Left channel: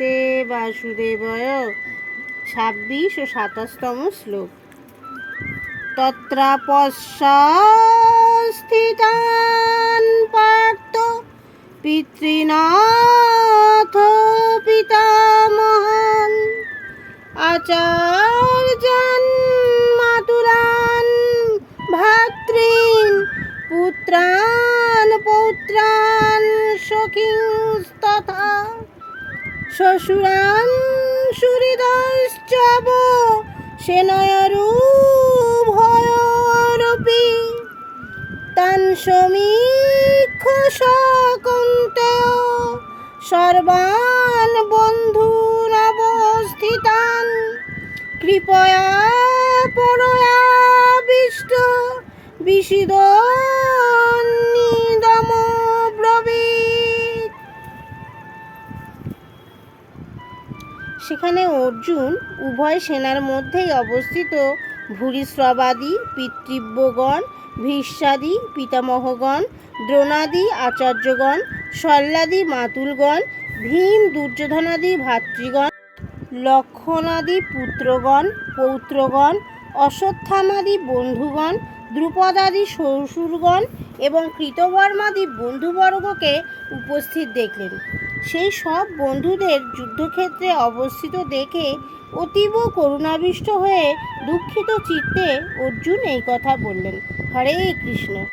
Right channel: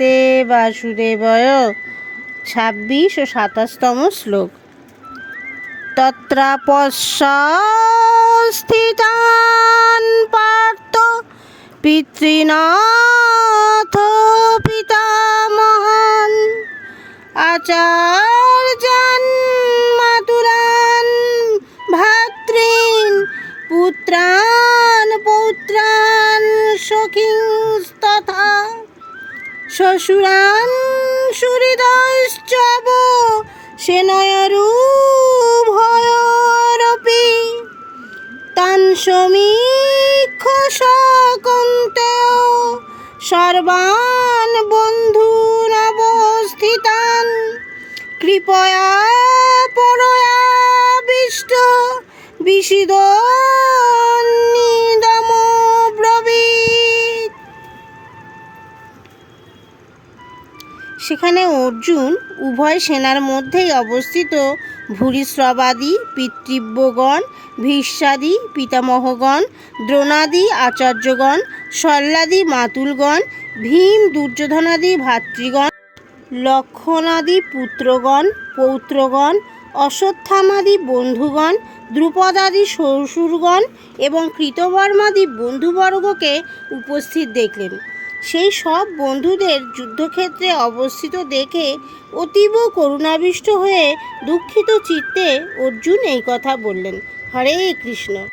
নমস্তে বাসুদেবায়। 26 ও 27তম শ্লোক। তত্রাপশ্যস্থিতান পার্থ পিতৃনাথ পিতামহান আচার্যান মাতুরান ভ্রাতॄন পুত্রান পৌত্রান সখিংস্তথা শ্বশুরান সুহৃদশ্চব সেনয়োরুভয়োরপি তান সমীক্ষ সকৌন্তেয় সর্বান বন্ধূনবস্থিতান কৃপয়া পরয়াবিষ্ট বিশিদন্নিদমব্রবীৎ। সেখানে অর্জুন উভয় সেনার মধ্যেই অবস্থিত ভূরিশ্রবাদী পিতৃব্যগণ, ভীষ্মাদি পিতামহগণ, দ্রোণাদি আচার্যগণ, শল্যাদি মাতুলগণ, ভীম দুর্যোধনাদি ভ্রাতৃগণ, লক্ষ্মণাদি পুত্রগণ পৌত্রগণ, অশ্বত্থামাদি বন্ধুগণ, দ্রুপদাদি শ্বশুরগণ এবং কৃতবর্মাদি বন্ধুবর্গকে উপস্থিত দেখলেন। সেই সব বন্ধুদের যুদ্ধক্ষেত্রে অবস্থিত দেখে অতীব করুণাবিষ্ট হয়ে দুঃখিত চিত্তে অর্জুন এই কথা বললেন। হরে কৃষ্ণ।